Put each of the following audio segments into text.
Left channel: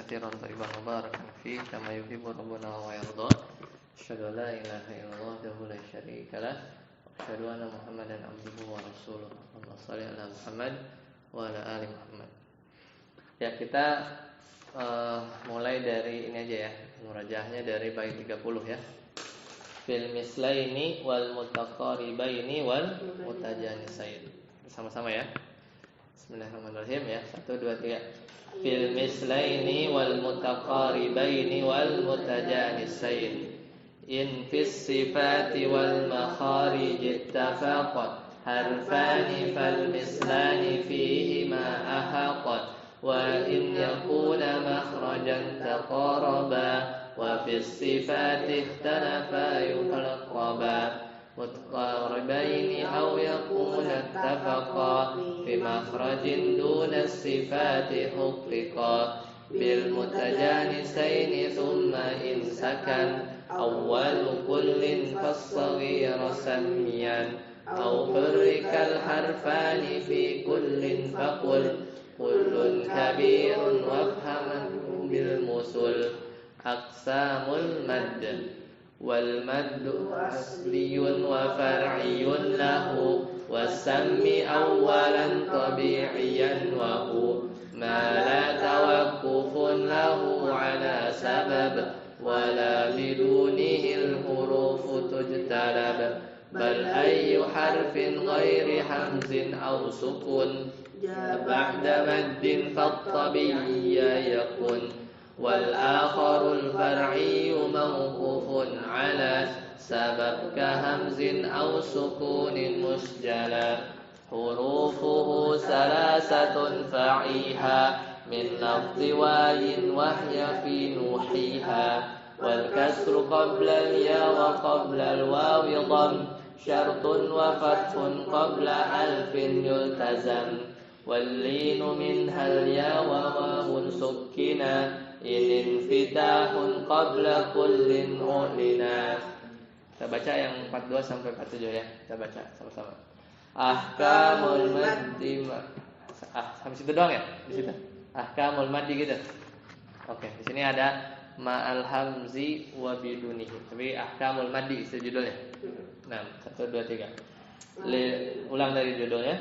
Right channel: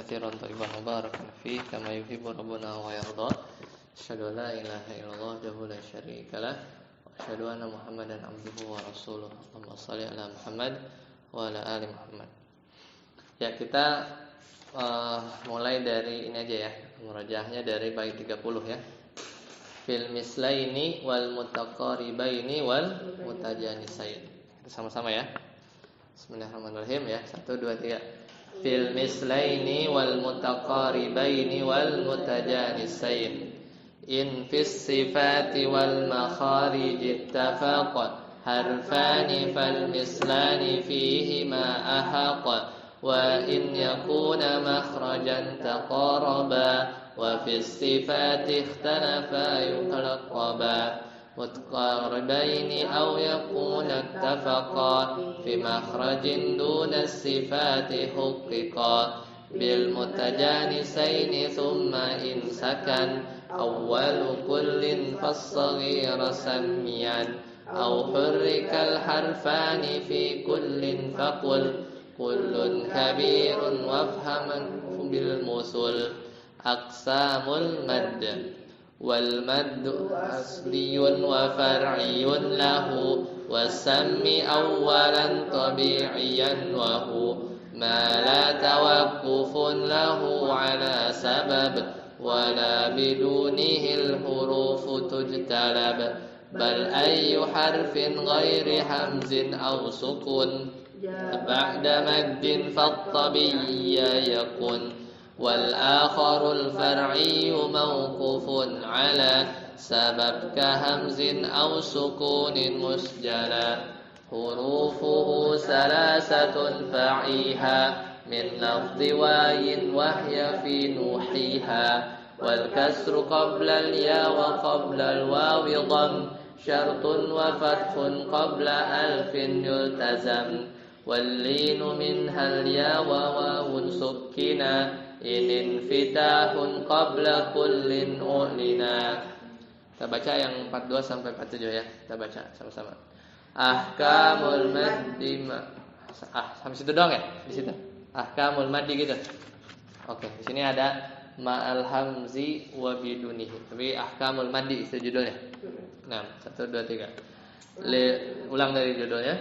كثيرا طيبا مباركا فيه كما يحب ربنا ويرضى. أشهد أن لا إله إلا الله وحده لا شريك له وأشهد أن محمدا عبده ورسوله. اللهم صل على Muhammad wa ala ali Muhammad. Ya, kita mulai dari ini aja ya, murajahnya dari bait 30 ya. Fil mislaini wal mutaqaribaini wal mutajanisain. Sama-sama ya. Bismillahirrahmanirrahim ya. 1 2 3. Fil mislaini wal mutaqaribaini wal mutajanisain. In fis sifati wal makharij ittafaqat harfani fal mislani fihi ma ahaqat wa in yakuna makhrajan taqaraba wa fis sifati ikhtalafa yuqraba mutqaribaini aw yakuna ittafaqa fi makhrajin duna sifati huqiqa bil mutajanisaini thumma in sakan awwalu kullin fas-saghira sammiyan aw hurrikal harfani fi kullin faqul kullun kabirun wafhaman bil musul aqsamul madd wal maddu asliyun wa far'iyun lahu wasammi awwalan tabi'iyan wa hu ma la tawaqqufun lahu ala sabab wala bidunihil hurufu tujtalab bal ayyu harfin ghairi hamzin aw sukun ba'da maddin fattabiyya yakun wal akharul far'iyyu mawqufun ala sabab ka hamzin aw sukunin musjala hurufuhu salasatun fa'iha min lafzi wayin wahya fi nuhiha wal kasru qabla al ya wa qabla al wawi dham syartun wa fathun qabla alfin yultazam wal linu minha al ya wa wawun sukkina in infitahun qabla kullin ulina. Kita baca yang 42 sampai 47 ya. Kita baca sama-sama. Ahkamul maddi sampai situ doang ya? Di situ. Ahkamul maddi gitu. Oke, di sini ada ma'al hamzi wa bidunihi. Tapi ahkamul maddi itu judulnya. Nah, 1 2 3. Ulang dari judulnya.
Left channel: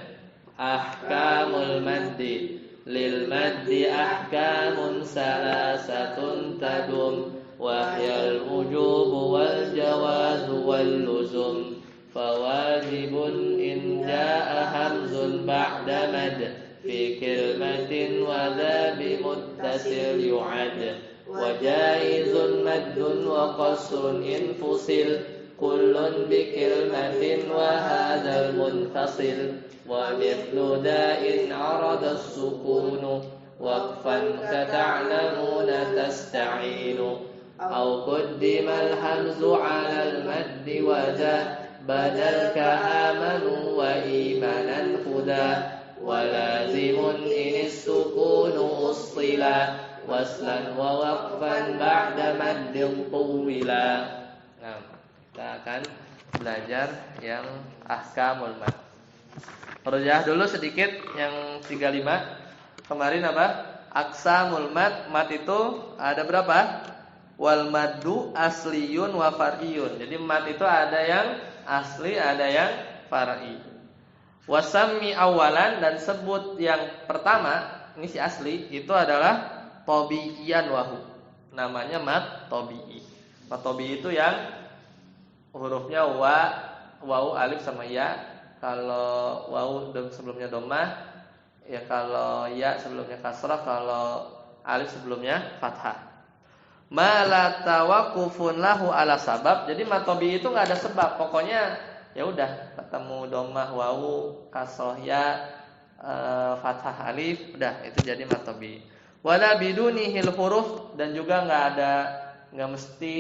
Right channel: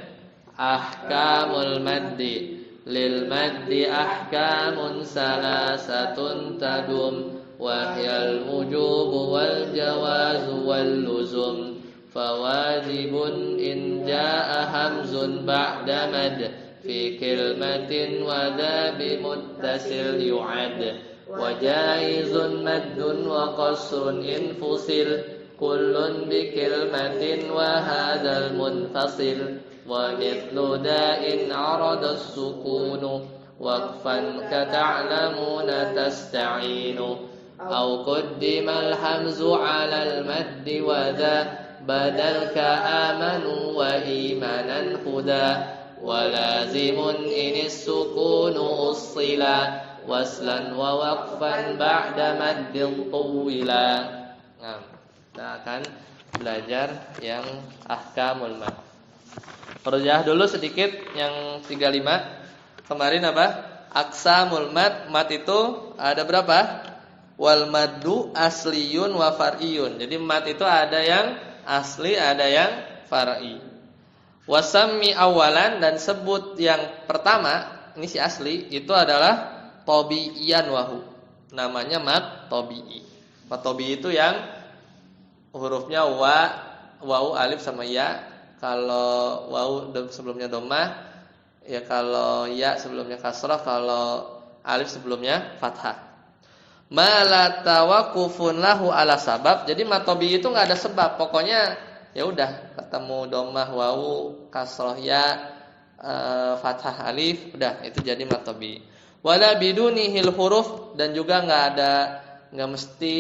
Ahkamul maddi. Lil maddi ahkamun salasatun tadum wahyal wujubu wal jawazu wal luzum fawajibun in jaa hamzun ba'da mad fi kalimatin wa dha bi muttasil yu'ad wa jaizun maddun wa qasrun in fusil kullun bi kalimatin wa hadzal munfasil wa mithlu da'in 'arada as-sukunu waqfan ka ta'lamuna tasta'inu aw qaddima al-hamzu 'ala al-maddi wa dha badal ka amanu wa imanan huda wa lazimun in as-sukunu ussila waslan wa waqfan ba'da maddin tuwila. Nah, kita akan belajar yang ahkamul mad. Rujah dulu sedikit yang 35. Kemarin apa? Aqsamul mad. Mad itu ada berapa? Wal maddu asliyun wa far'iyun. Jadi mad itu ada yang asli, ada yang far'i. Wasammi awalan, dan sebut yang pertama, ini si asli, itu adalah tabi'iyan wahu. Namanya mad tabi'i. Mad tabi'i itu yang hurufnya wawu, alif sama ya. Kalau wawu sebelumnya dhammah, ya kalau ya sebelumnya kasrah, kalau alif sebelumnya fathah. Ma la tawaqqufun lahu ala sabab. Jadi mad tabi'i itu enggak ada sebab. Pokoknya ya udah ketemu dhammah wawu, kasrah ya, fathah alif, udah itu jadi mad tabi'i. Wala bidunihil huruf, dan juga enggak mesti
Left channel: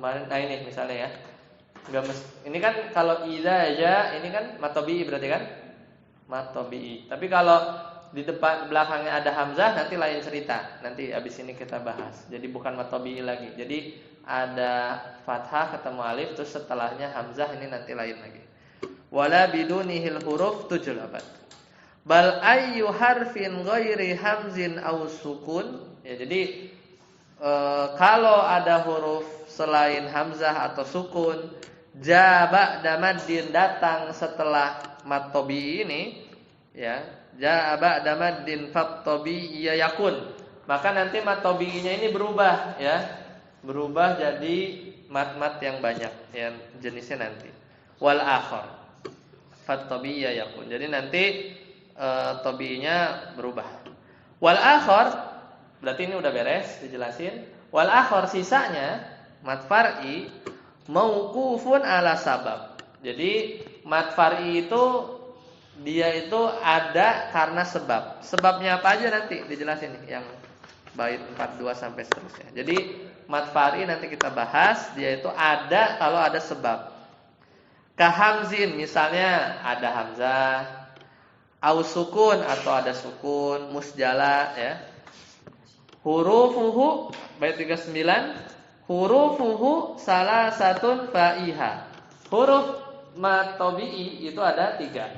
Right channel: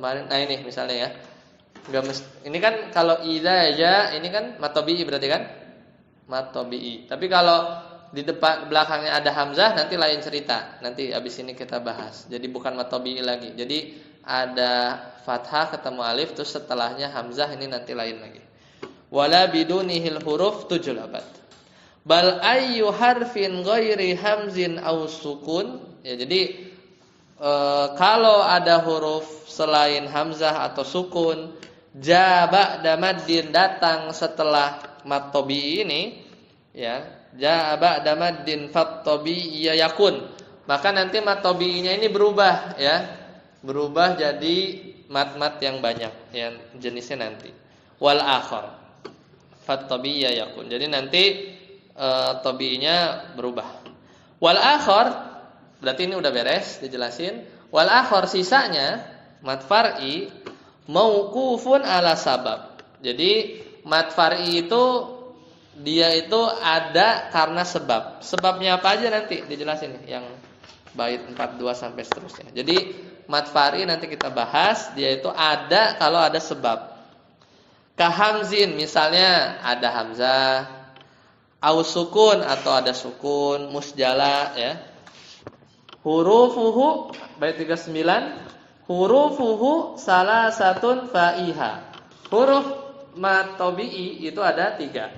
kemarin ini misalnya ya. Ini kan kalau idza ya, ini kan mad tabi'i berarti kan? Mad tabi'i. Tapi kalau di depan belakangnya ada hamzah nanti lain cerita. Nanti abis ini kita bahas. Jadi bukan mad tabi'i lagi. Jadi ada fathah ketemu alif, terus setelahnya hamzah, ini nanti lain lagi. Wala bidunihil huruf 7 labat. Bal ayyu harfin ghairi hamzin aw sukun. Ya, jadi kalau ada huruf selain hamzah atau sukun, ja ba'da maddin, datang setelah mad tabii ini, ya, ja ba'da maddin fat tabii yakun. Maka nanti mad tabiinya ini berubah, ya. Berubah jadi mad-mad yang banyak, yang jenisnya nanti. Wal akhar fat tabii yakun. Jadi nanti tabiinya berubah. Wal akhar, berarti ini udah beres dijelasin. Wal akhar, sisanya mad far'i mauqufun ala sabab. Jadi mad far'i itu dia itu ada karena sebab. Sebabnya apa aja nanti dijelasin nih, yang bait 42 sampai seterusnya. Jadi mad far'i nanti kita bahas, dia itu ada kalau ada sebab. Kahamzin, misalnya ada hamzah, au sukun atau ada sukun, musjala, ya. Hurufuhu, bait 39, hurufuhu salasatun fa'iha. Huruf mad tabii itu ada 3.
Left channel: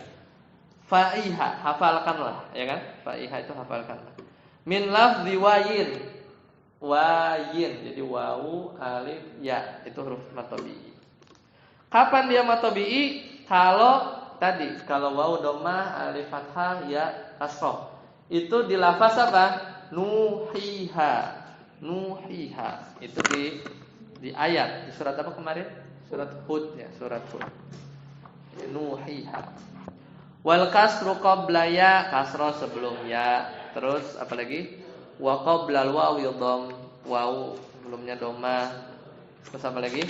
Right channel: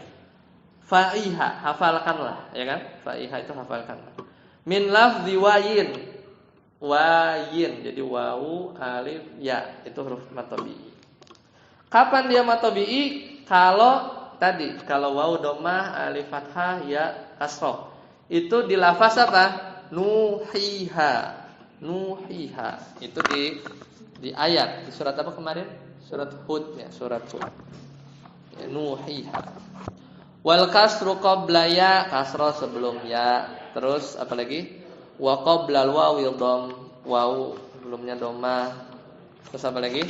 Fa'iha, hafalkanlah, ya kan? Fa'iha itu hafalkanlah. Min lafzi wayin. Wayin, jadi wawu, alif, ya, itu huruf mad tabii. Kapan dia mad tabii? Kalau wawu dhammah, alif fathah, ya kasrah. Itu di lafaz apa? Nuhiha. Nuhiha. Itu di ayat, di surat apa kemarin? Surat Hud, ya, surat Hud. Nuhiha. Wal kasru qabla ya, kasrah sebelum ya. Terus apa lagi? Wa qablal wawi dhamm, wawu sebelumnya dhammah. Terus apa lagi?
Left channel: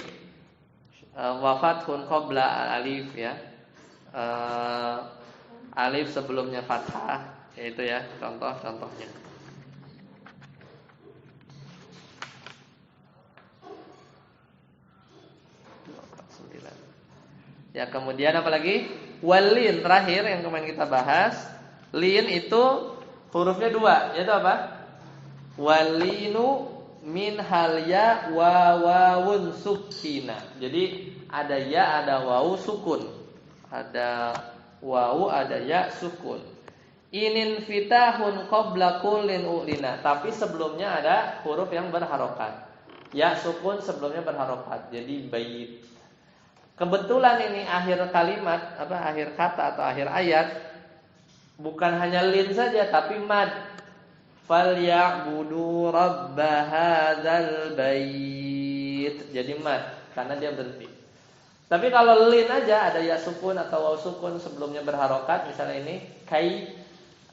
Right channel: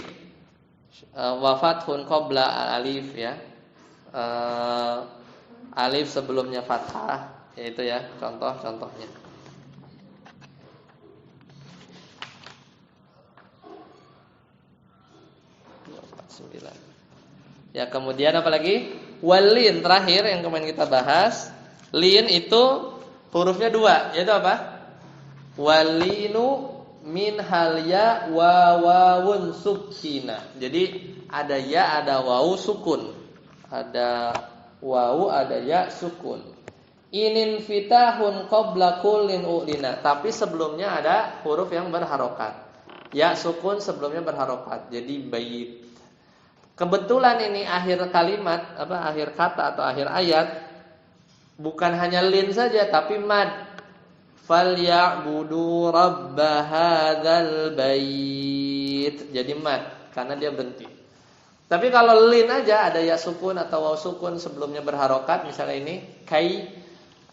Wa fathun qabla alif, ya. Alif sebelumnya fathah, yaitu, ya, contohnya. Ya, kemudian apa lagi? Walin, terakhir yang kemarin kita bahas. Lin itu hurufnya 2, yaitu apa? Walinu min hal ya wa wawun sukina. Jadi ada ya, ada wawu sukun. Ada wawu, ada ya sukun. Inin fitahun qabla kullin ulina. Tapi sebelumnya ada huruf yang berharokat. Ya sukun sebelumnya berharokat. Jadi bait. Kebetulan ini akhir kalimat, akhir kata atau akhir ayat, bukan hanya lin saja tapi mad. Falyabudu rabb hadzal bait. Jadi mad karena dia berhenti. Tapi kalau lin aja ada ya sukun atau waw sukun sebelumnya berharokat, misalnya ini kai,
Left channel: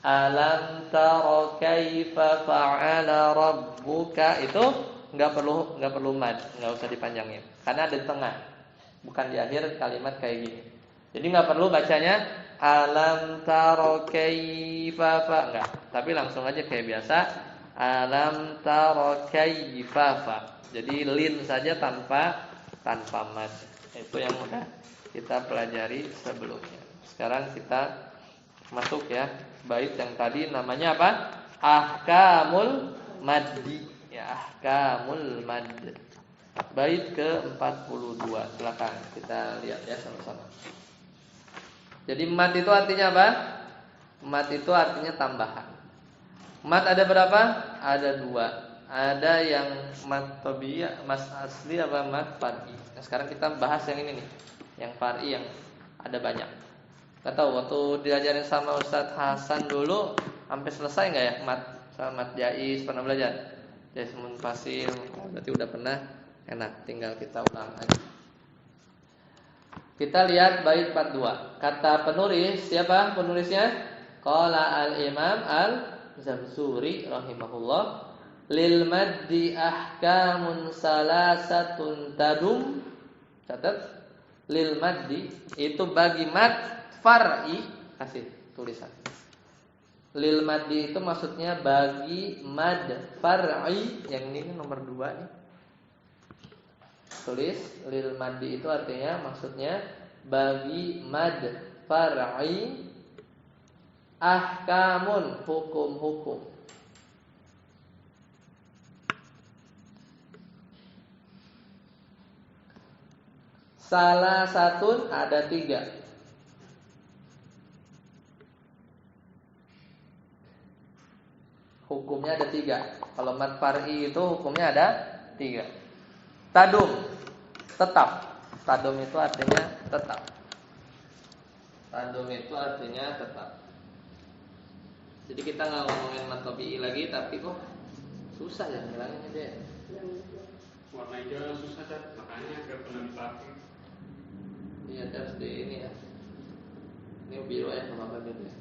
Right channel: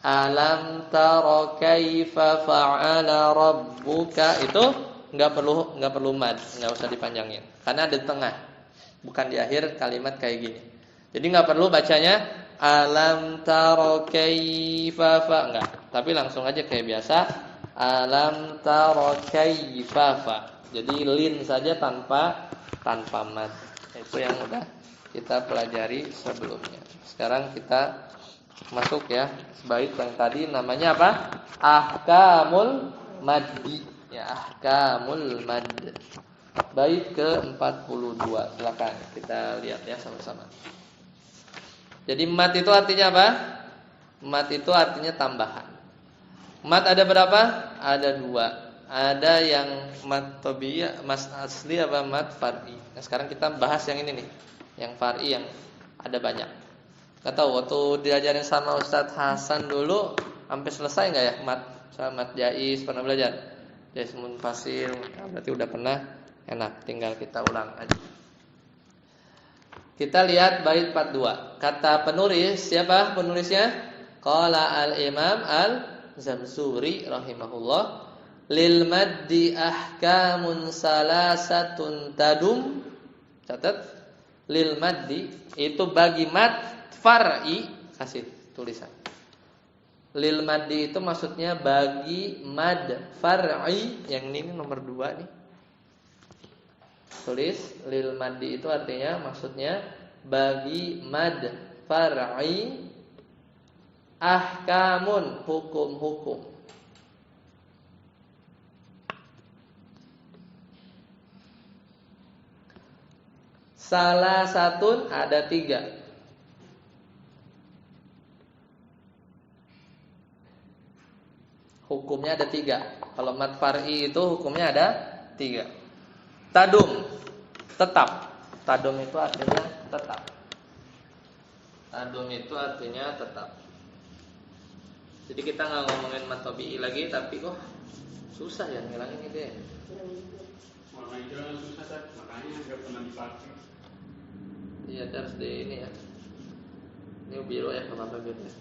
alam tara kaifa fa'ala rabbuka, itu enggak perlu mad, enggak usah dipanjangin karena ada di tengah. Bukan di akhir kalimat kayak gini. Jadi enggak perlu bacanya alam tara kaifa fa, enggak. Tapi langsung aja kayak biasa, alam tara kaifa fa. Jadi lin saja tanpa mad. Itu yang udah kita pelajari sebelumnya. Sekarang kita masuk, ya, bait yang tadi namanya apa? Ahkamul maddi. Ya, ahkamul madd. Bait ke-42. Silakan kita lihat, ya, sama-sama. Jadi mad itu artinya apa? Mad itu artinya tambahan. Mad ada berapa? Ada 2. Ada yang mad tabi'i, mad asli, apa mad far'i. Nah, sekarang kita bahas yang ini nih, yang far'i, yang ada banyak. Gak tahu waktu diajarin sama Ustadz Hasan dulu sampai selesai nggak ya mad, sama mad jais, pernah belajar? Jasmun fasil, ya, berarti udah pernah. Enak, tinggal kita ulang aja. Kita lihat bait 42. Kata penulis, siapa penulisnya? Qala al-Imam al-Zamzuri rahimahullah, lil maddi ahkamun salasatun tadum. Catat, lil maddi itu bagi mad far'i, kasih tulisan. Lil maddi itu maksudnya bagi mad far'i, yang ini nomor 2 nih. Tulis, lil maddi itu artinya maksudnya bagi mad far'i ahkamun, hukum-hukum. Salah satu ada 3. hukumnya ada 3. Kalau mad far'i itu hukumnya ada 3. Tadum, tetap. Tadum itu artinya tetap. Tadum itu artinya tetap. Jadi kita nggak ngomongin mad tabi'i lagi, tapi kok susah ya ngilangin gitu ya. Warna hijau susah kan, makanya nggak pernah dipakai. Iya, harus di ini ya. Ini biru ya, kemarin biru ya.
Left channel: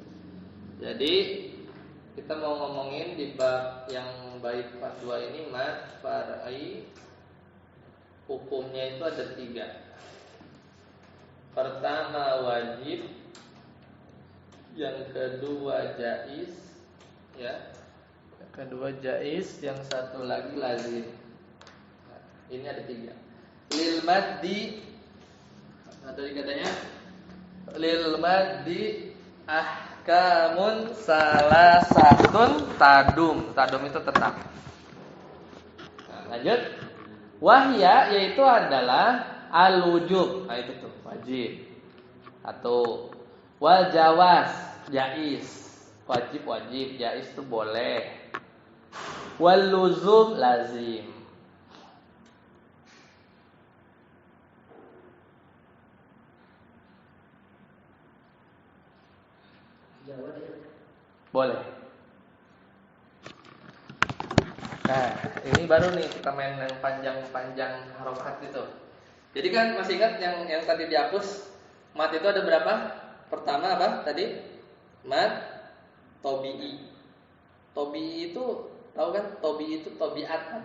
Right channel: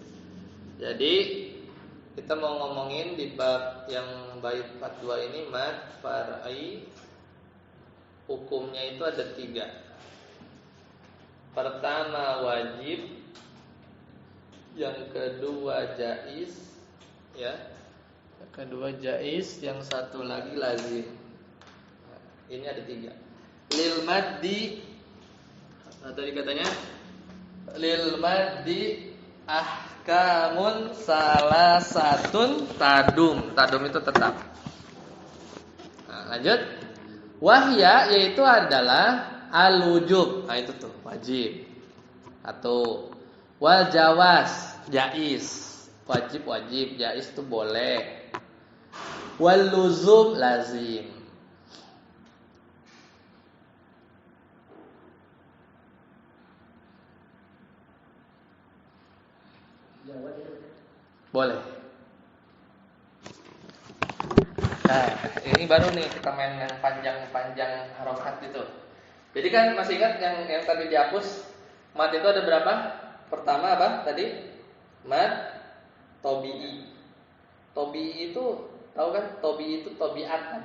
Jadi kita mau ngomongin di bab yang bait 42 ini mad far'i, hukumnya itu ada 3. Pertama wajib, yang kedua jaiz, ya. Yang kedua jaiz, yang satu lagi lazim. Nah, ini ada 3. Lil maddi, tadi katanya lil maddi ahkamun salasatun tadum. Tadum itu tetap. Nah, lanjut. Wahya yaitu adalah al-wujub. Nah, itu tuh wajib. Atau wal jawaz, jaiz. Wajib, jaiz itu boleh. Wal luzum, lazim. Boleh. Nah, ini baru nih kita main yang panjang-panjang harokat gitu. Jadi kan masih ingat yang tadi dihapus, mad itu ada berapa? Pertama apa tadi? Mad tabi'i. Tabi'i itu tahu kan? Tabi'i itu tabiat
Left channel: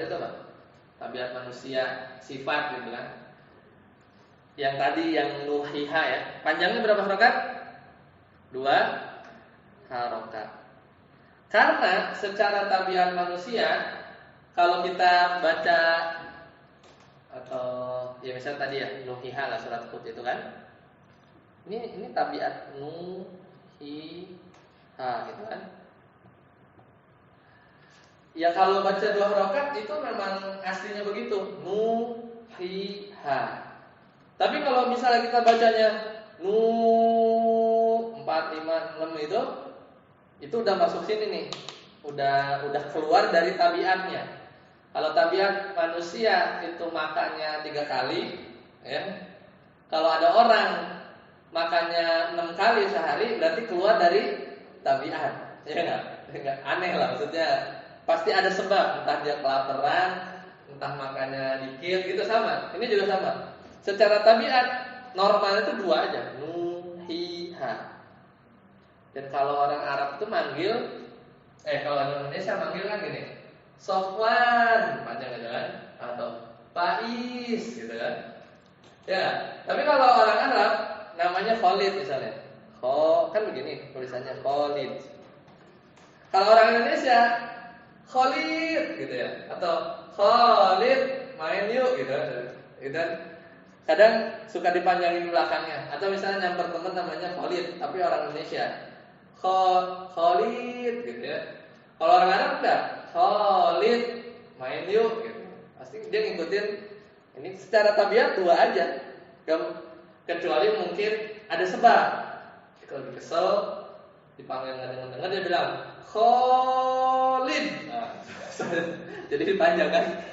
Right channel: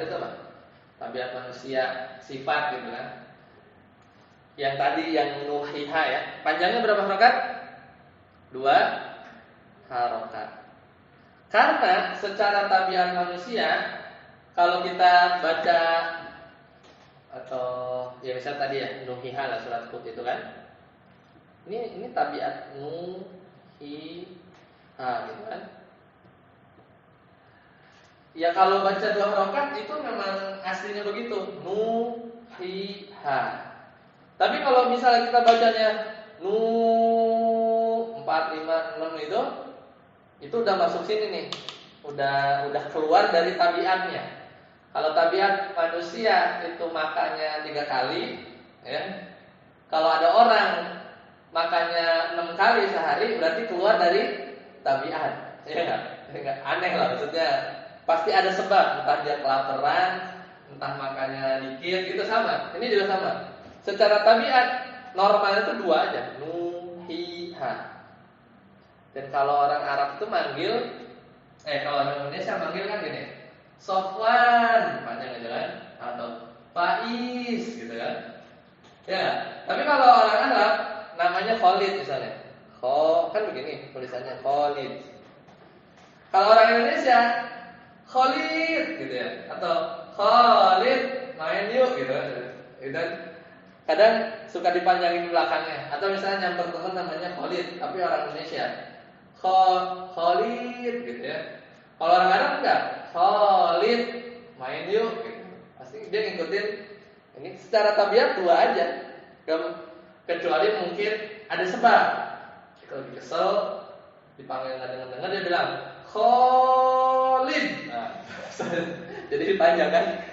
itu apa? Tabiat manusia, sifat gitu kan. Yang tadi yang nuhiha ya. Panjangnya berapa harokat? 2 harokat. Karena secara tabiat manusia, kalau kita baca atau ya misalnya tadi ya nuhiha lah surat Hud itu kan, ini tabiat nuhiha gitu kan. Ya kalau baca 2 harokat itu memang aslinya begitu, nuhiha. Tapi kalau misalnya kita bacanya 4, 5, 6 itu udah masuk sini nih, udah keluar dari tabiatnya. Kalau tabiat manusia itu makannya 3 kali, ya. Kalau ada orang makannya 6 kali sehari, berarti keluar dari tabiat, ya enggak? Aneh lah maksudnya. Pasti ada sebab, entah dia kelaparan, entah makannya dikit, gitu sama. Ini juga sama. Secara tabiat normalnya itu 2 aja, nuhiha. Dan kalau orang Arab itu manggil, kalau orang Indonesia manggil kan gini, Sofwan, panjang aja kan, atau Faiz, gitu kan. Ya, tapi kalau orang Arab namanya Khalid misalnya, kan begini tulisannya Khalid. Kalau orang Indonesia, Khalid, gitu ya, atau Khalid main yuk, gitu. Itu kadang suka dipanjangin belakangnya, atau misalnya nyamper teman namanya Khalid, tapi orang Indonesia. Khalid gitu ya. Kalau orang Arab enggak, Khalid main yuk gitu. Pasti dia ngikutin ini secara tabiat 2 aja. Kecuali mungkin ada sebab. Kalau kesel dipanggil enggak dengar dia bilang Khalid. Nah, jadi dipanjang kan.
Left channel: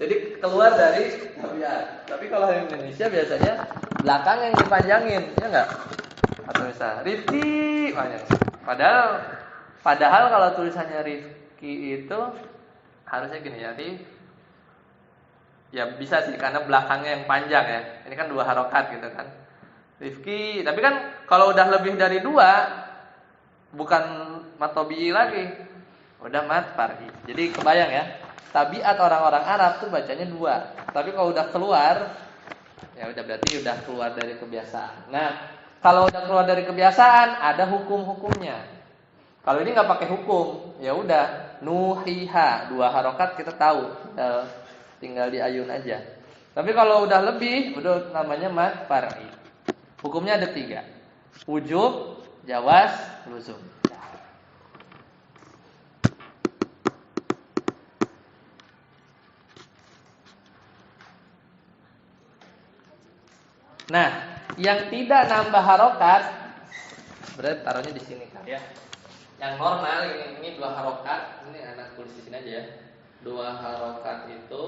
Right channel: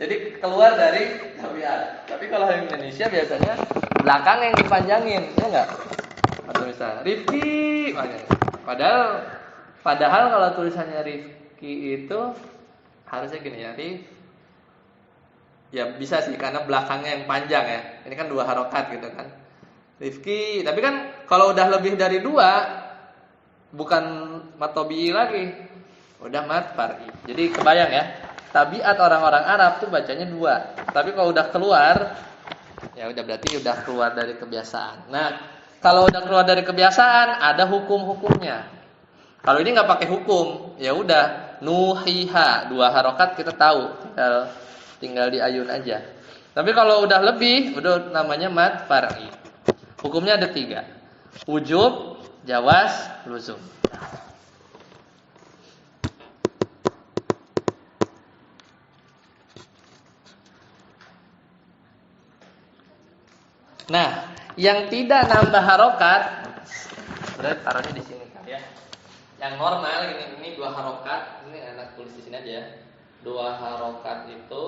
Jadi keluar dari tabiat. Tapi kalau di Indonesia biasanya belakang yang dipanjangin, ya enggak? Atau misalnya Rifki banyak. Padahal kalau tulisannya Rifki itu harusnya gini ya, ya bisa sih karena belakangnya yang panjang ya. Ini kan 2 harokat gitu kan. Rifki, tapi kan kalau udah lebih dari 2 bukan mad tabi'i lagi. Udah mad far'i. Jadi kebayang ya, tabiat orang-orang Arab tuh bacanya 2. Tapi kalau udah keluar, ya udah berarti udah keluar dari kebiasaan. Nah, kalau udah keluar dari kebiasaan, ada hukum-hukumnya. Kalau ini nggak pakai hukum, ya udah nuhiha 2 harokat kita tahu, tinggal diayun aja. Tapi kalau udah lebih, udah namanya mad far'i. Hukumnya ada 3, wujub, jawaz, luzum. Nah, yang tidak nambah harokat, berarti taruhnya di sini kan ya. Yang normal ini 2 harokat. Ini anak tulis di sini aja ya. 2 harokat itu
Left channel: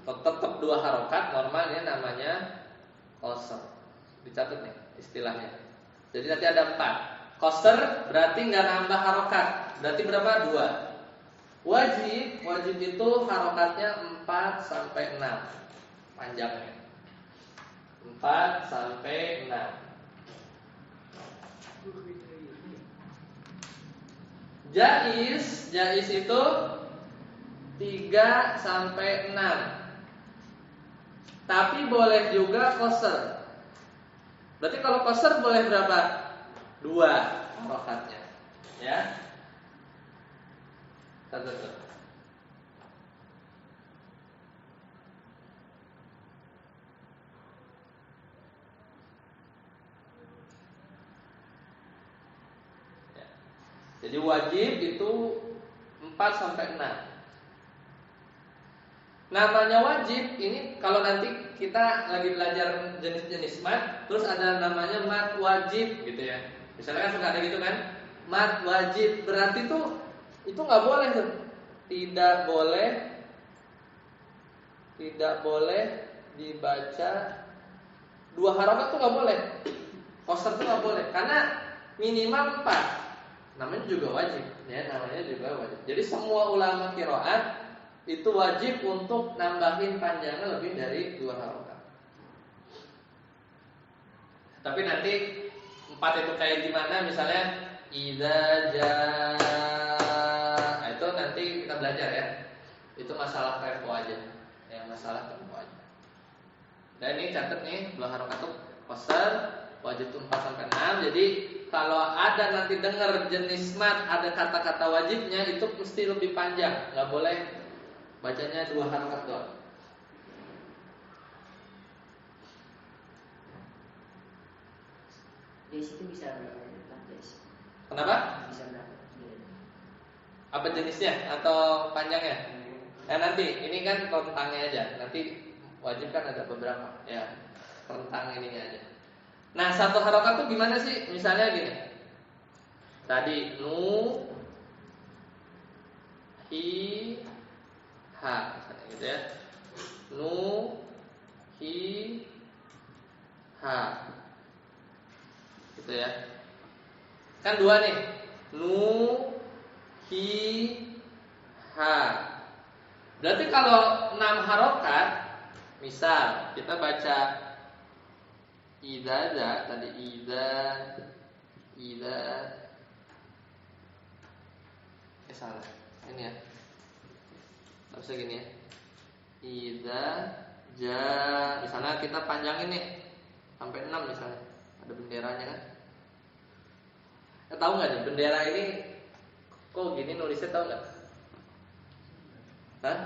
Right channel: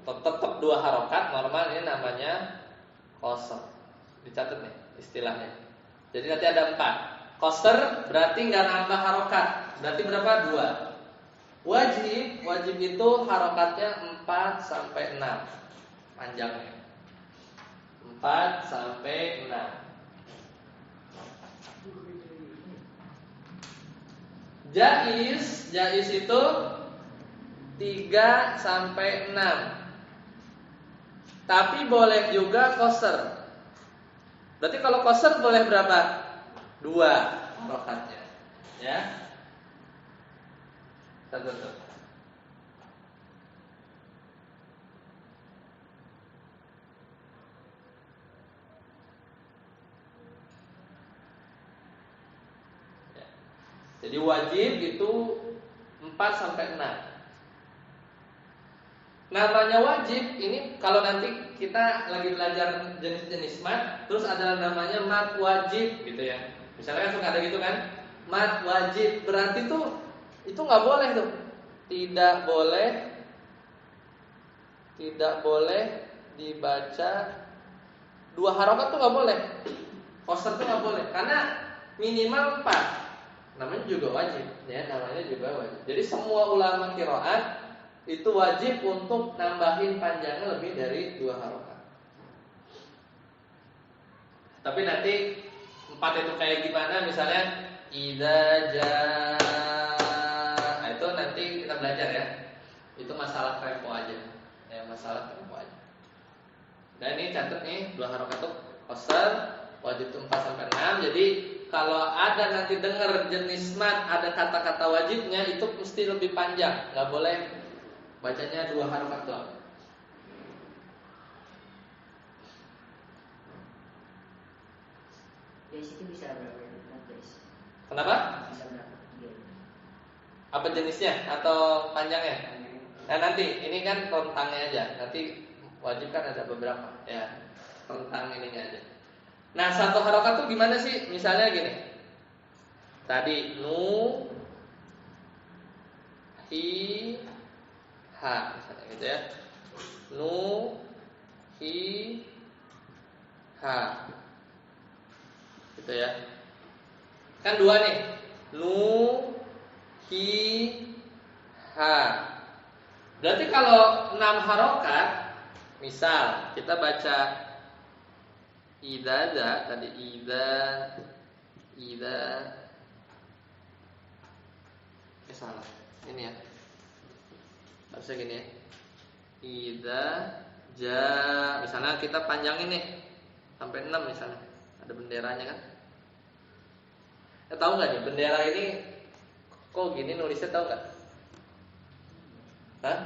tetap 2 harokat normal, ini namanya qasr. Dicatat nih istilahnya. Jadi nanti ada 4. Qasr berarti nggak nambah harokat. Berarti berapa? 2. Wajib itu harokatnya 4 sampai 6 panjangnya. 4 sampai 6. Jaiz itu 3 sampai 6. Tapi boleh juga qasr. Berarti kalau qasr boleh berapa? 2 harokatnya. Ya. Satu. Ya. Jadi wajib itu 4 sampai 6. Namanya wajib ini kalau nanti kita lagi belajar jenis-jenis mat, terus ada namanya mat wajib gitu ya. Misalnya kan suka ada gitu kan, mat wajib berarti tuh itu nggak boleh tuh, tidak boleh dibaca 2 harokat tuh nggak boleh, qasr tuh nggak boleh karena minimal 4. Namanya juga wajib ya, namanya juga wajib. Jadi semua ulama qiraat itu wajib untuk nambahin panjangnya lebih dari 2 harokat. Tapi nanti 4 itu kayak gimana? Misalnya idza jaa, itu nanti kita belajar ya. Itu masalah tempo aja. Ya, masalah tempo aja. Dan ini catat nih 2 harokat itu qasr, wajib itu 4 sampai 6. Jadi kalau ada nanti dengar jenis mat ada kata-kata wajibnya itu mesti lebih panjang, nggak boleh bacanya 2 harokat doang. Yes itu bisa berapa yes? Kenapa? Bisa berapa? Apa jenisnya atau panjangnya? Nah nanti ini kan rentangnya aja. Nanti wajib kan ada beberapa ya, rentang ininya aja. Nah 1 harokat tuh gimana sih? Misalnya gini. Tadi nu hi ha misalnya gitu ya. Nu hi ha. Gitu ya. Kan 2 nih. Nu hi ha. Berarti kalau 6 harokat, misal kita baca idza tadi idza salah. Ini ya. Harusnya gini ya. Idza ja, misalnya kita panjangin nih sampai 6 misalnya. Ada benderanya kan? Tahu nggak nih bendera ini kok gini nulisnya, tahu nggak? Hah?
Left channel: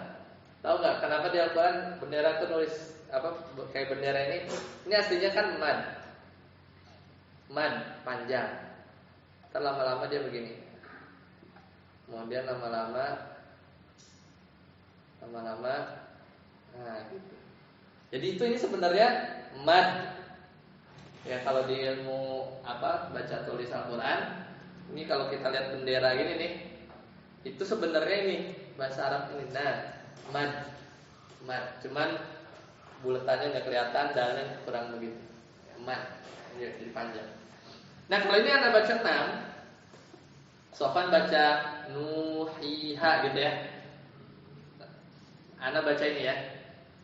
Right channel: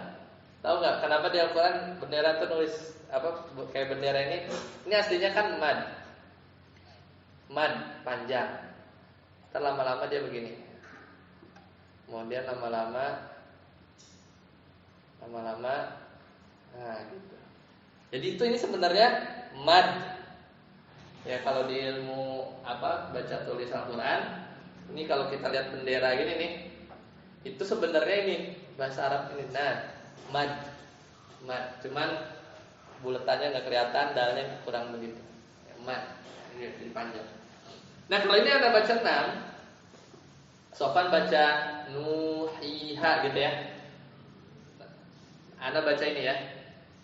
Tahu nggak kenapa di Al-Quran bendera itu nulis apa kayak bendera ini? Ini aslinya kan mad panjang. Terlama-lama dia begini. Kemudian lama-lama nah gitu. Jadi itu ini sebenarnya mad. Ya kalau di ilmu baca tulis Al-Quran, ini kalau kita lihat bendera gini nih, itu sebenarnya ini bahasa Arab ini mad. Cuman buletannya nggak kelihatan, dalnya kurang begitu. Mad, ini jadi panjang. Nah kalau ini Anda baca 6, Sofan baca nuhiha gitu ya. Anda baca ini ya.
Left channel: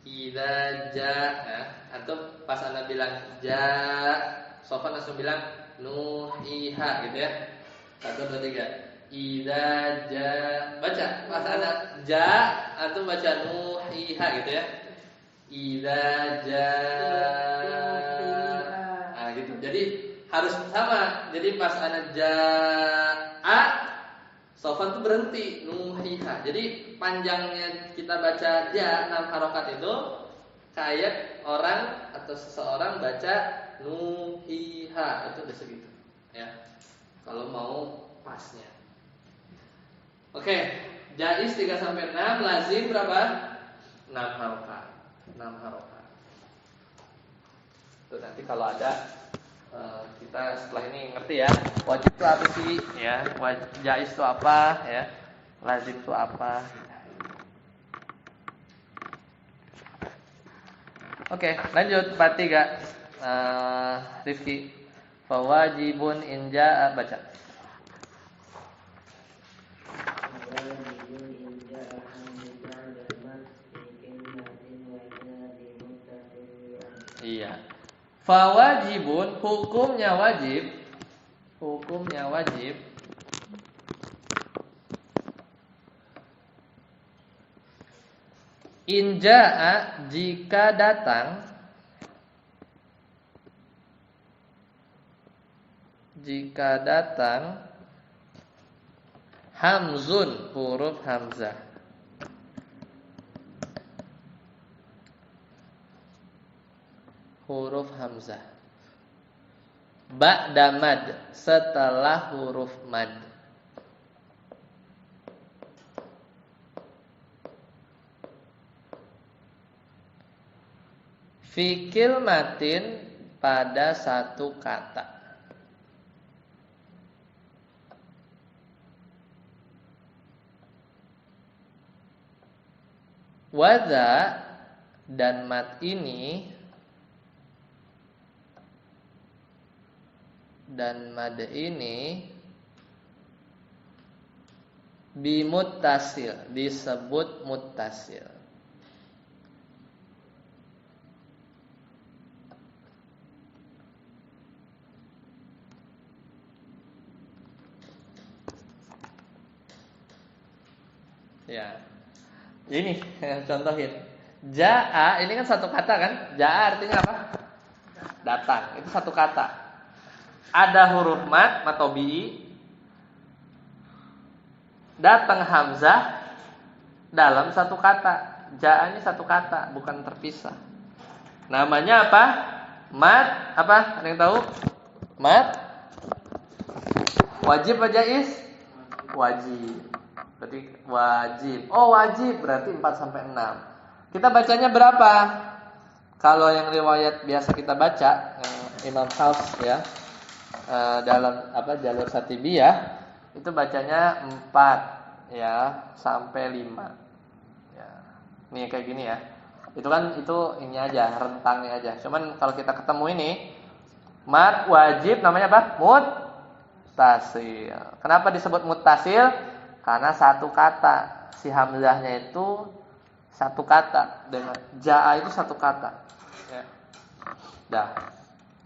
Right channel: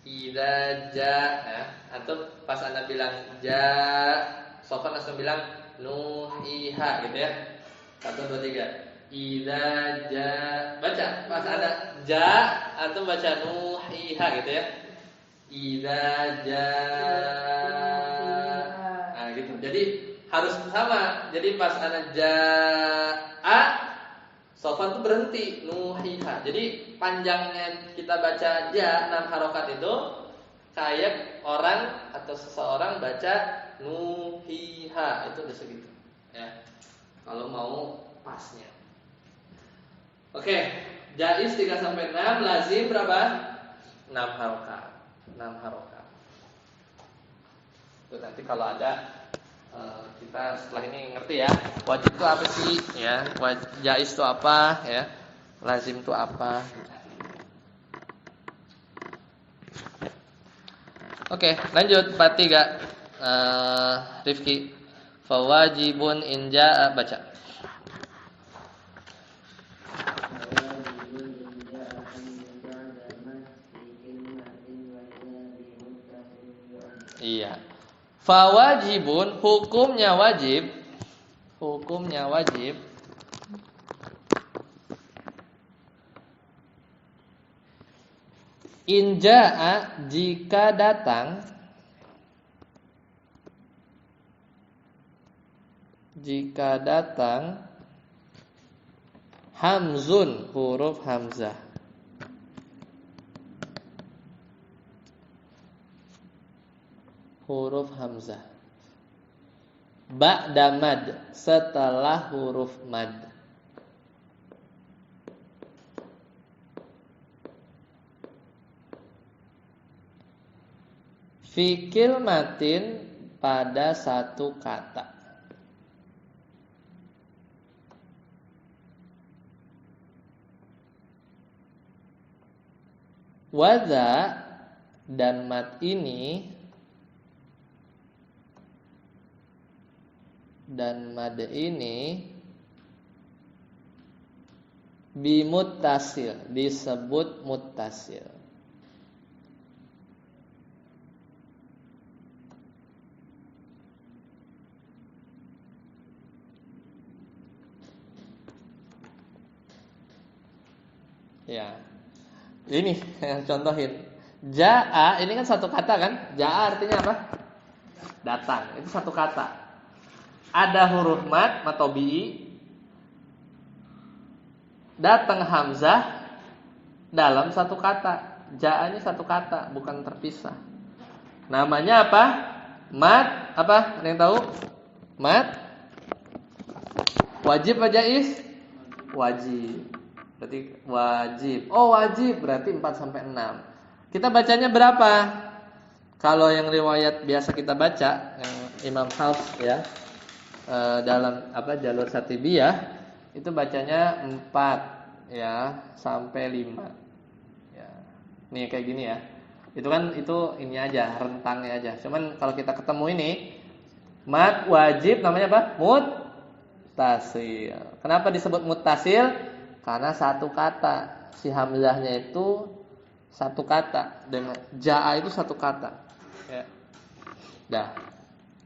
Idza jaa, atau pas Anda bilang ja, Sofan langsung bilang nuhiha gitu ya. 1 2 3. Idza jaa, baca pas Anda ja, atau baca nuhiha gitu ya. Idza jaa. Nah gitu. Jadi harus sama. Jadi pas Anda jaa, Sofan tuh berhenti nuhiha. Jadi panjangnya kita baca ja 6 harokat itu kayak orang atau seseorang baca nuhiha, itu udah segitu ya. Kalau mau pasnya. Oke, jaiz 3 sampai 6, lazim berapa? 6 harokat. 6 harokat. Itu nanti kalau ada kita setelah ini ngerti ya. Wajib itu apa sih? Ya, jaiz itu apa? Ya, lazim itu apa? Oke, lanjut 43. Rifki, fawajibun in jaa, baca. Iya. Fawajibun, hukumnya wajib. Hukumnya wajib. In jaa, jika datang. Jika datang hamzun, huruf hamzah. Huruf hamzah. Ba'da mad, setelah huruf mad. Fikil matin, pada satu kata. Wadza, dan mat ini, dan mad ini bimuttasil, disebut muttasil. Ya. Ini contohin. Jaa, ini kan satu kata kan? Jaa artinya apa? Datang. Itu satu kata. Ada huruf mad atau bi, datang hamzah dalam satu kata. Jaa ini satu kata, bukan terpisah. Namanya apa? Mad apa? Ada yang tahu? Mad wajib apa jaiz? Wajib. Berarti wajib. Oh, wajib berarti 4 sampai 6. Kita bacanya berapa? Kalau yang riwayat biasa kita baca, Imam Hafs ya, dalam jalur Syatibiyah itu bacanya 4 ya sampai 5. Ya. Nih kayak gini ya. Itu kan ini aja, rentangnya aja. Cuman kalau kita ketemu ini mad wajib namanya apa? Muttasil. Kenapa disebut muttasil? Karena satu kata. Si hamzahnya itu satu kata, dengan jaa itu satu kata. Ya. Dah.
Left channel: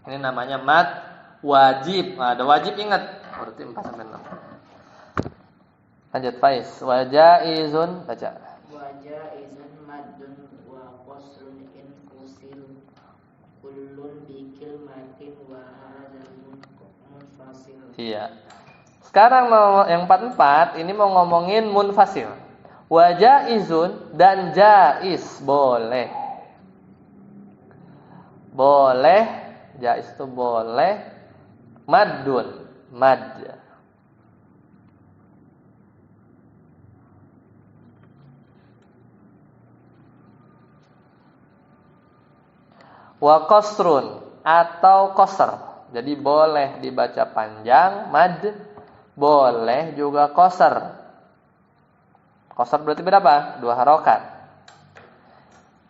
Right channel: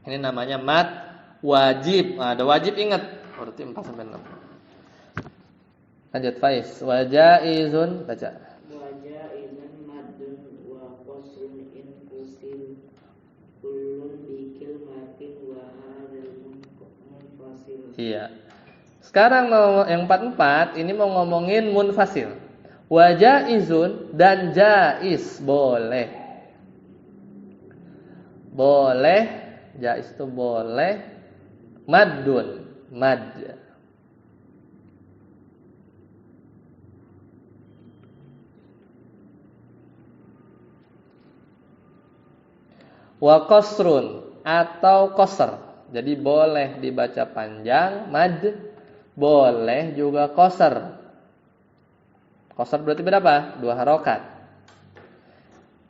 Ini namanya mad wajib. Nah, ada wajib ingat. Berarti 4 sampai 6. Lanjut Faiz. Wa jaizun, baca. Wa jaizun maddun wa qasrun in fusil kullun bi kilmatin wa hadzal munfasil. Iya. Sekarang mau yang 44 ini mau ngomongin munfasil. Wa jaizun, dan jaiz boleh. Boleh, jaiz itu boleh. Maddun, mad. Wa qasrun, atau qasr. Jadi boleh dibaca panjang mad, boleh juga qasr. Qasr berarti berapa? 2 harokat.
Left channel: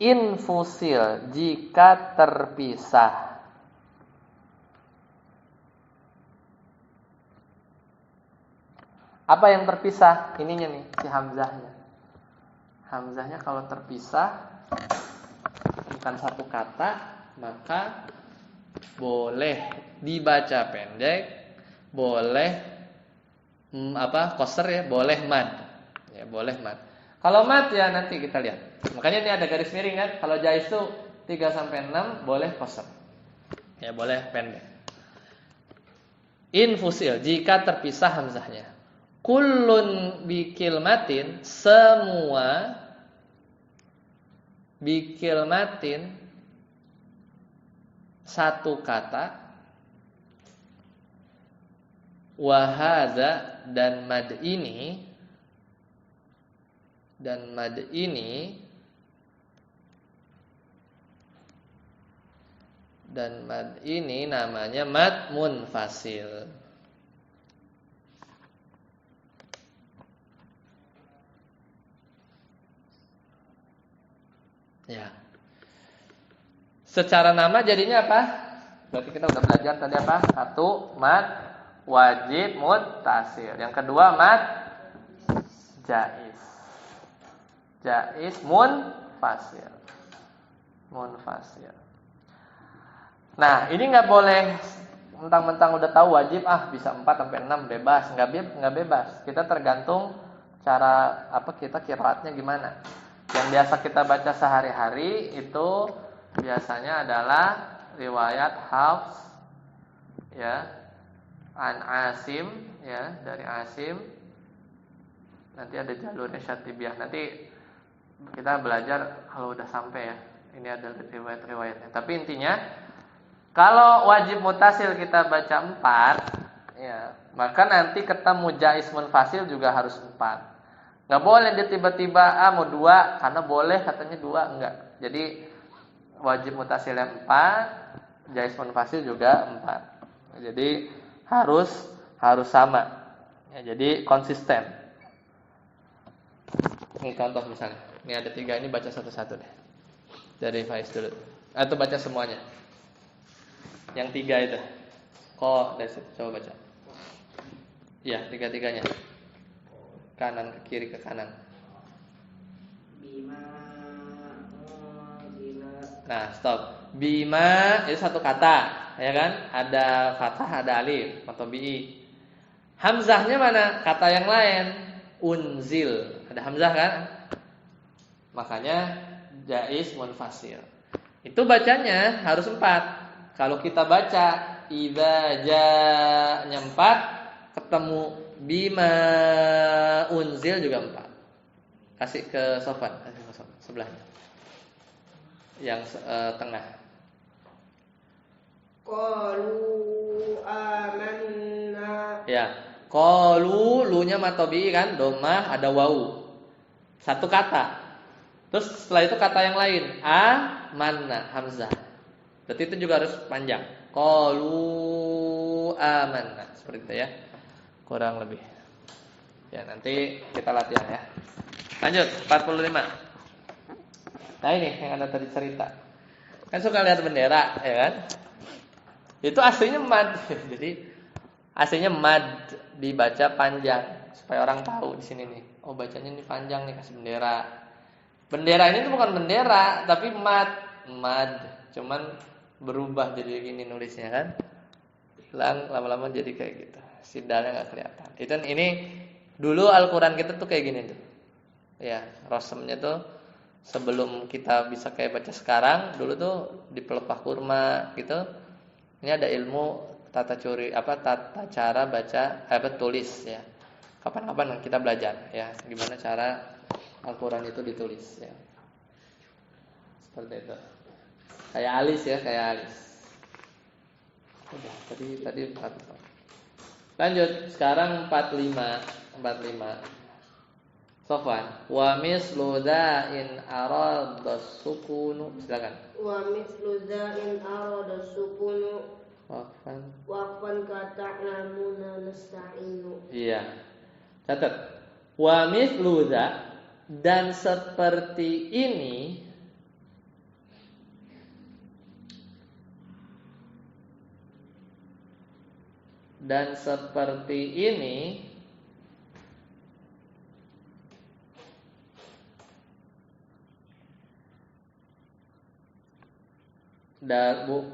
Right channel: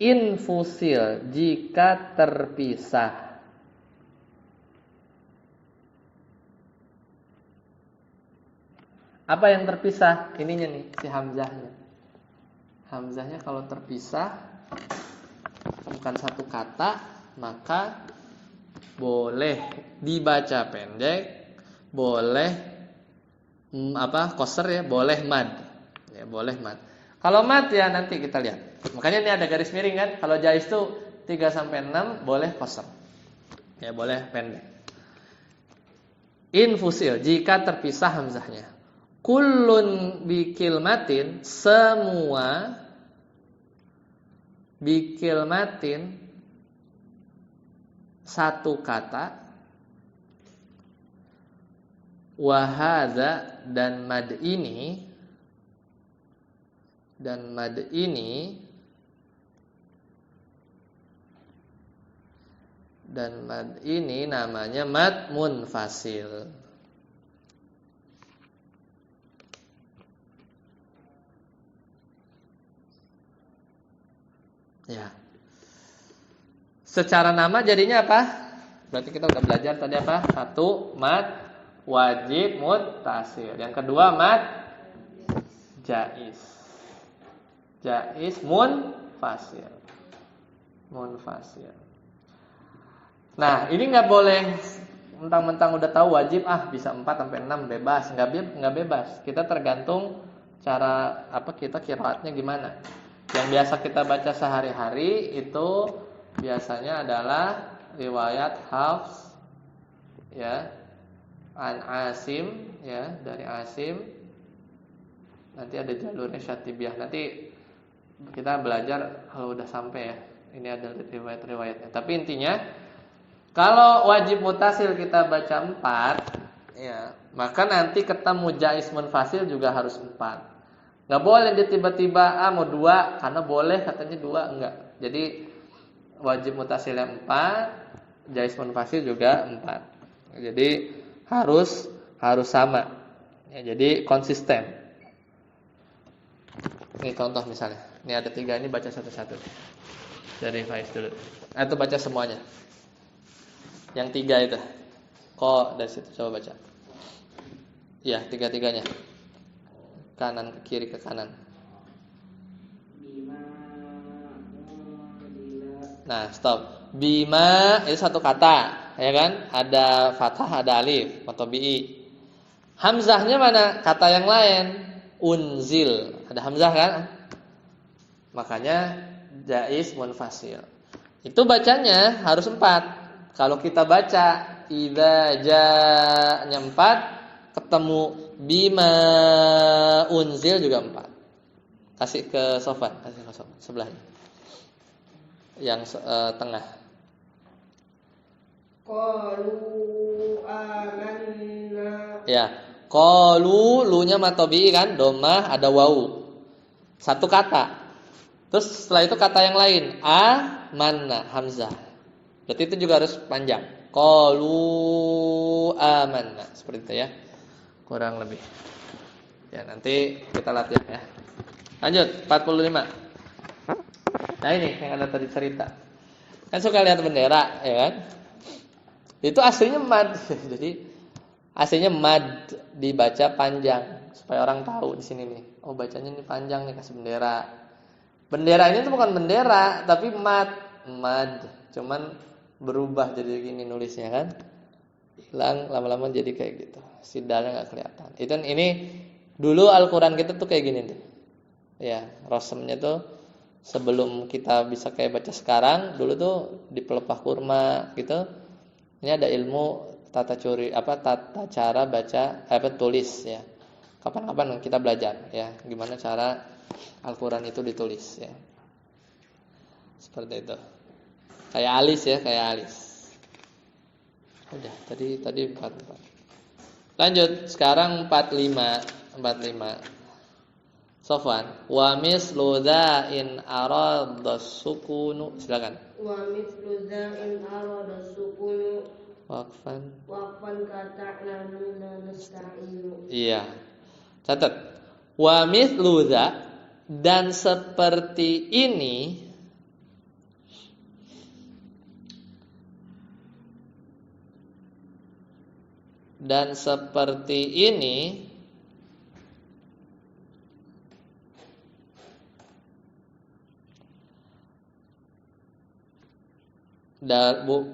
Infusil, jika terpisah. Apa yang terpisah? Ininya nih, si hamzahnya. Hamzahnya kalau terpisah bukan satu kata, maka boleh dibaca pendek, boleh qasr ya, boleh mad. Ya, boleh mad. Kalau mad ya nanti kita lihat. Makanya ini ada garis miring kan. Kalau jaiz itu 3 sampai 6 boleh qasr. Ya, boleh pendek. Infusil, jika terpisah hamzahnya. Kullun bikilmatin, semua bikilmatin satu kata. Wahada, dan mad ini, Dan mad ini namanya mad munfasil. Ya. Secara nama jadinya apa? Berarti kita udah belajar tadi apa? Satu, mad wajib muttasil. Yang kedua, mad jaiz. Jaiz munfasil. Munfasil. Nah, ini nggak boleh mentang-mentang udah tahu wajib bisa 4 sampai 6 bebas, nggak bebas. Kita tergantung cara apa kita qiraatnya gimana. Yang biasa kita baca sehari-hari itu biasanya adalah riwayat Hafs ya, an Asim ya, dari Asim. Nanti ada jalurnya Syatibiyah. Nanti kita belajar kalau udah sampai ya. Ini ada riwayat-riwayatnya. Tapi intinya kalau wajib mutasil kita baca 4 ya, maka nanti ketemu jaiz munfasil juga harus 4. Nggak boleh dia tiba-tiba mau 2 karena boleh katanya 2, enggak. Jadi wajib mutasilnya 4, jaiz munfasil juga 4. Jadi harus sama. Ya, jadi konsisten. Ini contoh misalnya. Ini ada 3, ini baca satu-satu deh. Dari Faiz dulu. Atau baca semuanya. Yang 3 itu. Kok dari situ coba baca. Iya, 3-3-nya. Kanan ke kiri ke kanan. Nah, stop. Bima itu satu kata, ya kan? Ada fathah, ada alif, atau bi. Hamzahnya mana? Kata yang lain. Unzil. Ada hamzah kan? Makanya jaiz munfasil. Itu bacanya harus 4. Kalau kita baca idza ja'nya 4, ketemu bima unzil juga 4. Kasih ke Sofan, sebelahnya. Yang tengah. Qalu amanna. Ya, qalu lu-nya matobi kan, dhammah ada wau. Satu kata. Terus setelah itu kata yang lain, amanna hamzah. Berarti itu juga harus panjang. Qalu amanna. Seperti itu ya. Kurang lebih. Ya, nanti kita latihan ya. Lanjut, 45. Nah ini yang Anda tadi cerita. Kan suka lihat bendera, ya kan? Itu aslinya mad. Jadi aslinya mad dibaca panjang supaya orang tahu di sini nih. Oh, bacanya ini panjang nih, kasih bendera. Bendera ini tuh bukan bendera, tapi mad. Cuman berubah jadi gini nulisnya kan. Hilang lama-lama jadi kayak gitu. Sidalnya enggak kelihatan. Itu ini dulu Al-Qur'an kita tuh kayak gini tuh. Ya, rosemnya tuh sebelum kita bisa kayak baca sekarang, dulu tuh di pelepah kurma gitu. Ini ada ilmu tata cara baca tulis ya. Kapan-kapan kita belajar ya, gimana cara Al-Qur'an itu ditulis ya. Seperti itu. Kayak alis ya, kayak alis. Udah, tadi 4. Lanjut, sekarang 45. Sofwan, wa mislu in aradas sukunu. Silakan. Wa mislu in aradas sukunu. Waqfan kata'lamuna nasta'inu. Iya. Catat. Wa mislu dan seperti ini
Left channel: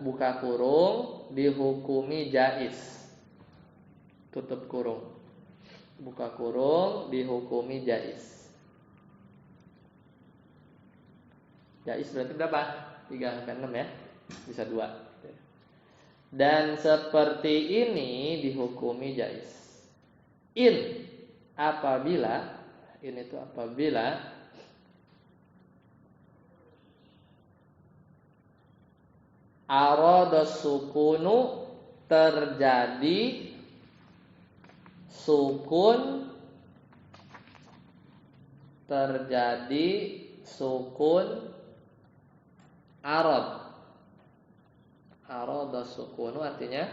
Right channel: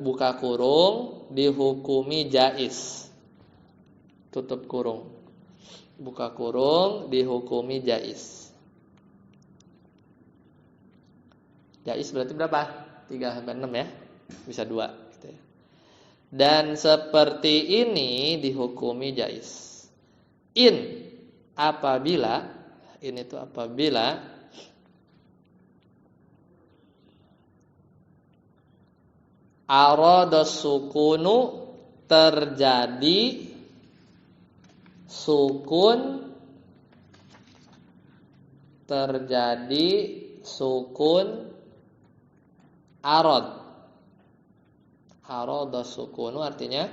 buka kurung dihukumi jaiz. Tutup kurung. Buka kurung dihukumi jaiz. Jaiz berarti berapa? 3 sampai 6 ya. Bisa 2 gitu ya. Dan seperti ini dihukumi jaiz. Apabila aradas sukunu terjadi sukun arad Arada sukunu artinya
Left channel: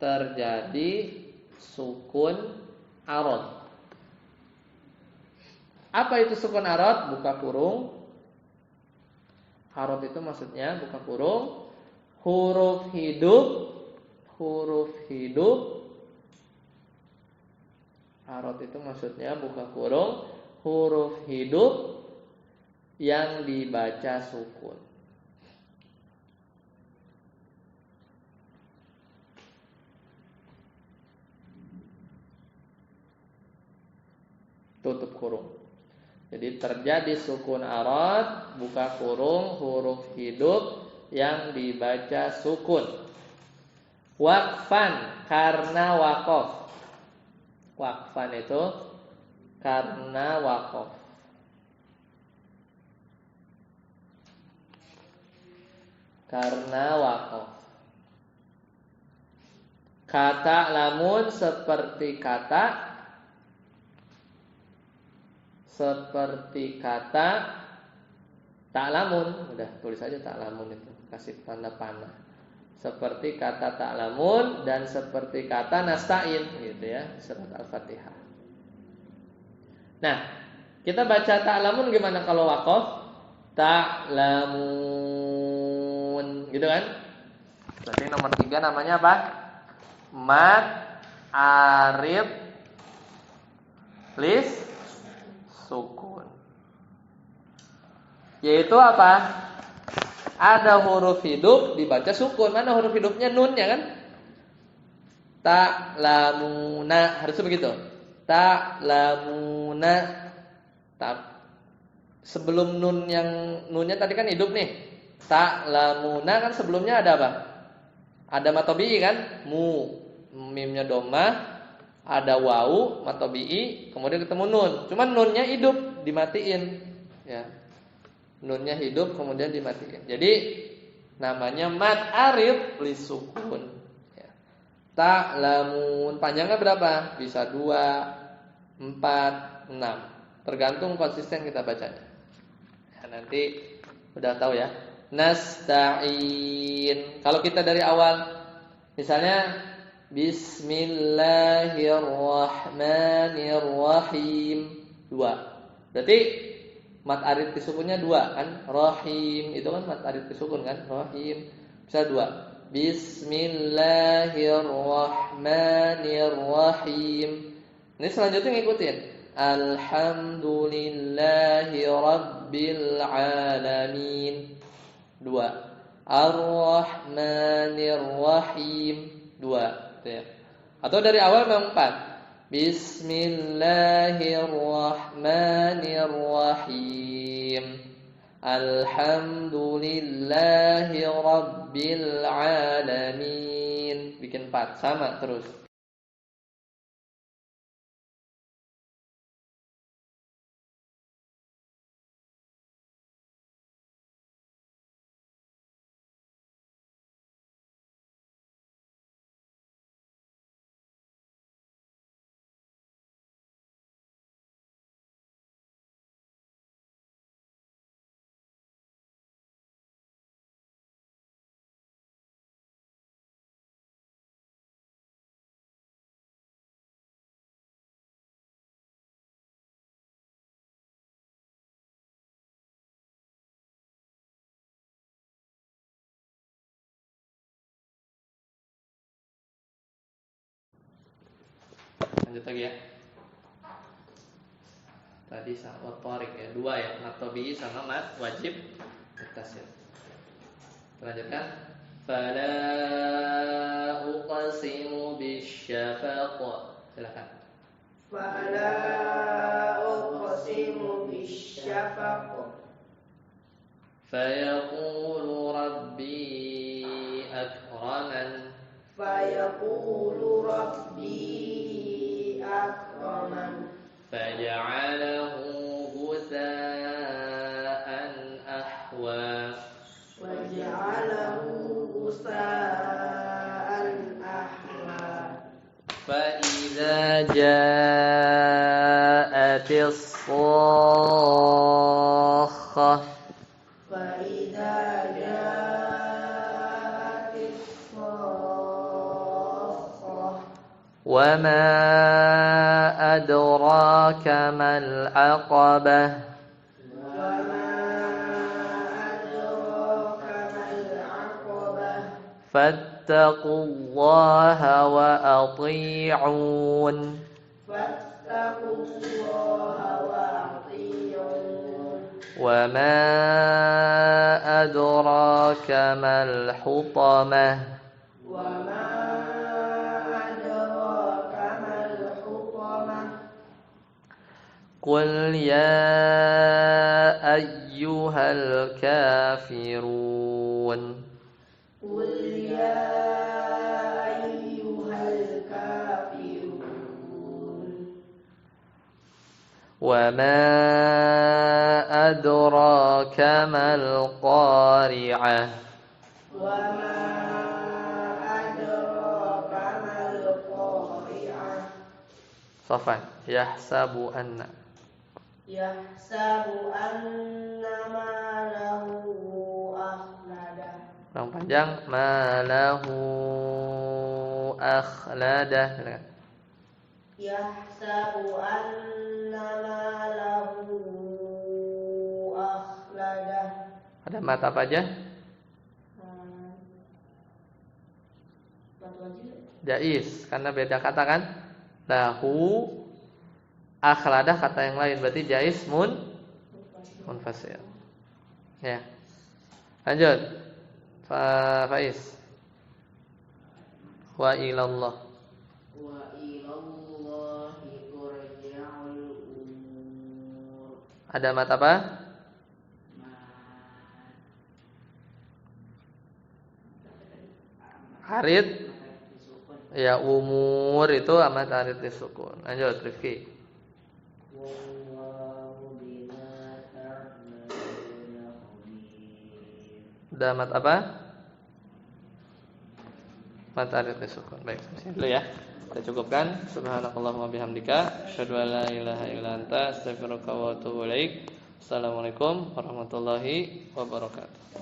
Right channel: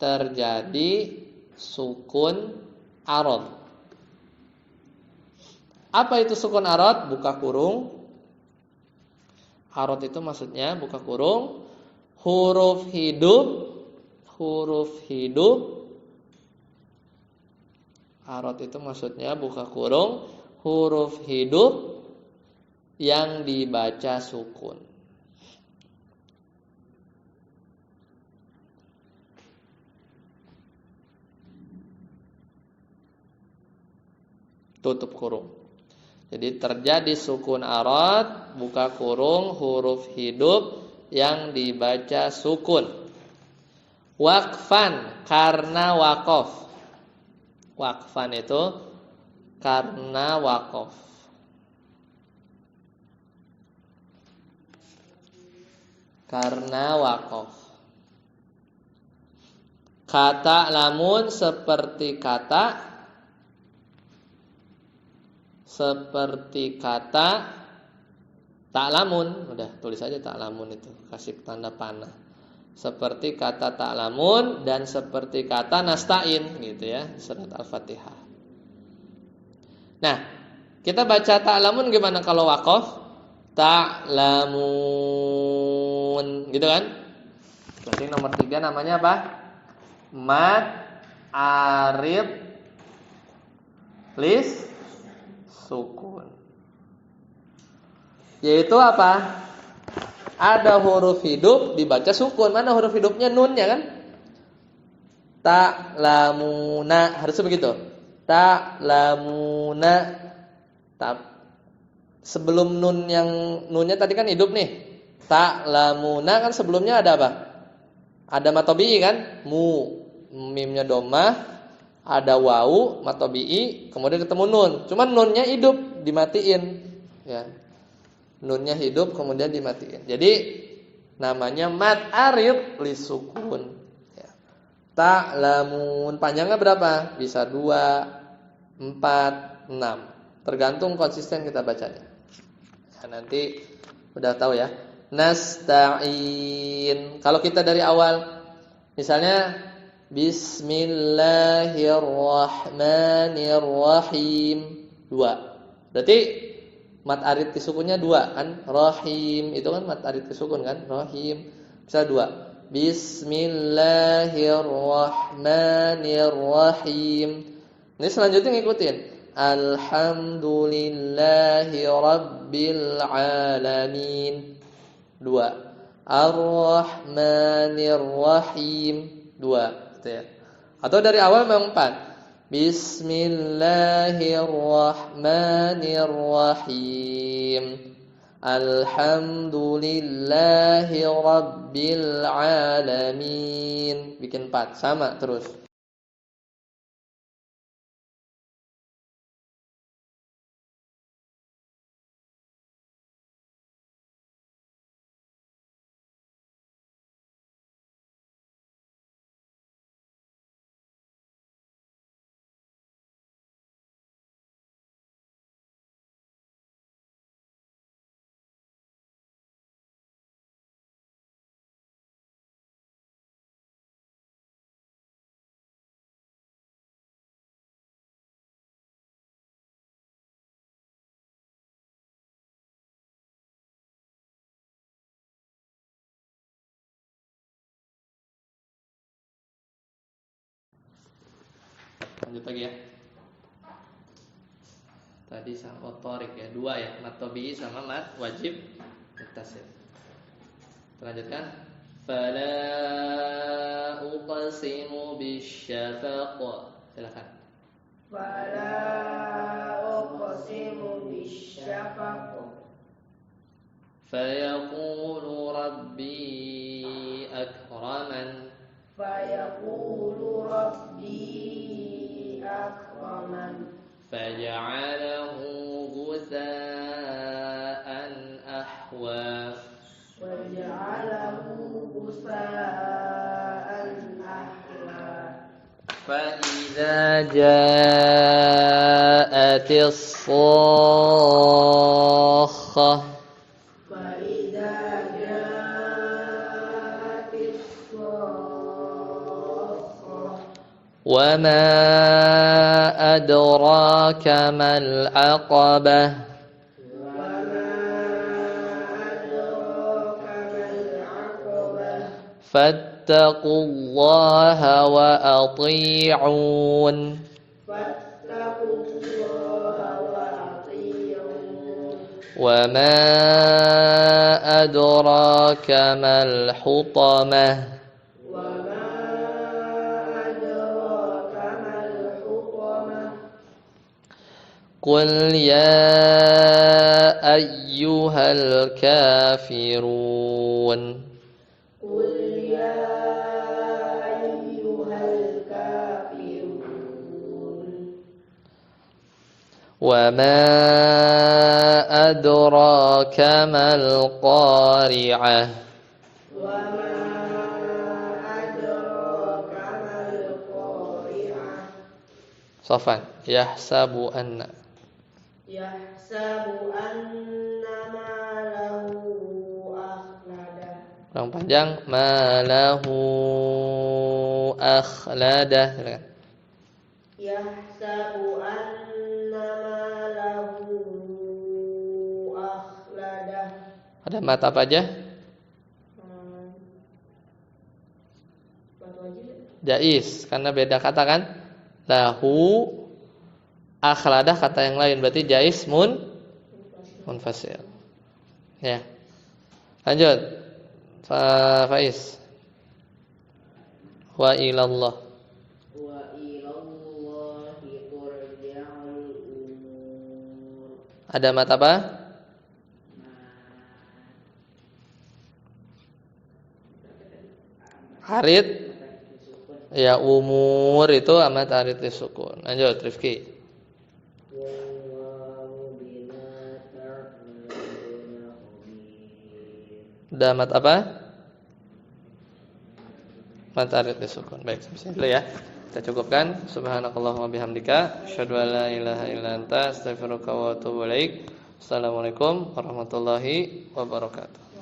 terjadi sukun arad. Apa itu sukun arad? Buka kurung. Arad itu maksudnya buka kurung, huruf hidup. Arad itu maksudnya buka kurung, huruf hidup yang dibaca sukun. Tutup kurung. Jadi terjadi sukun arad, buka kurung, huruf hidup yang dibaca sukun. Waqfan karena waqaf. Waqfan itu karena waqaf. Karena waqaf. Kata lamun seperti kata ta'lamun, udah tulis aja ta'lamun itu, kasih tanda panah. Seperti kata ta'lamun dan seperti kata nasta'in gitu ya, surat Al-Fatihah. Nah, kita baca ta'lamun gimana kalau waqaf? Ta'lamun gitu kan? Berarti nomor 3 namanya apa? Mad arid lis sukun. Yaitu apa? Ada huruf hidup dibaca sukun. Mana huruf hidupnya? Nunnya kan? Ta'lamuna, harusnya begitu. Ta'lamuna. Sebelum nun yang nunnya tadi kan hidup nih. Ta'lamuna kan sebelumnya ada apa? Ada matobi'i kan? Mimnya domah. Ada wau, matobi'i, kemudian ketemu nun. Cuman nunnya hidup, dimatiin. Ya. Nunnya hidup, kemudian dimatiin. Jadi namanya mad arid li sukun. Ya. Ta'lamun, panjangnya berapa? Bisa 2, 4, 6. Tergantung konsisten kita bacanya. Ya, nanti udah tahu ya. Nasta'in. Kalau kita dari awal, misalnya Bismillahirrahmanirrahim 2. Berarti mat arid sukunnya 2 kan? Rahim itu kan mat arid sukun kan? Rahim. Bisa 2. Bismillahirrahmanirrahim. Ini selanjutnya ngikutin. Alhamdulillahirabbil alamin 2. Ar-Rahmanirrahim 2. Ya. Atau dari awal memang 4. Bismillahirrahmanirrahim. Alhamdulillahirabbil alamin. Bikin 4 sama terus. Lanjut lagi ya. Tadi sama Torik ya, 2 ya, mat tabi'i sama mat wajib muttasil. Lanjutkan. Fala uqsimu bisyafaq. Silakan. Fala uqsimu bisyafaq. Fayaqulu rabbi akraman. Fayaqulu rabbi akraman. Faja'alahu ghutha'an ahwa. Faja'alahu ghutha'an ahwa. Fa'idza ja'atis sakhah. Fa'idza ja'atis وما أدراك ما العقبة فاتقوا الله وأطيعون وما أدراك ما الحطمة قل يا أيها الكافرون وما أدراك ما القارعة صفا يحسب أن Long panjang malahu akhladah. Yahsabu anna malahu akhladah. Ada mata apa aja? Jais, karena beda kata kan? Lahu akhladah kata yang lain, berarti jais munfasil. Ya. Lanjut. Faiz. Wa ilallah. Wa ilallahi turja'ul umur. Ada mata apa? Harid. Ya, umur itu amat harid disukun. Lanjut, Rifki. Ada mat apa? Mat harid disukun. Baik, sampai dulu ya. Kita cukupkan. Subhanakallahumma bihamdika asyhadu an la ilaha illa anta astaghfiruka wa atubu ilaik. Assalamualaikum warahmatullahi wabarakatuh.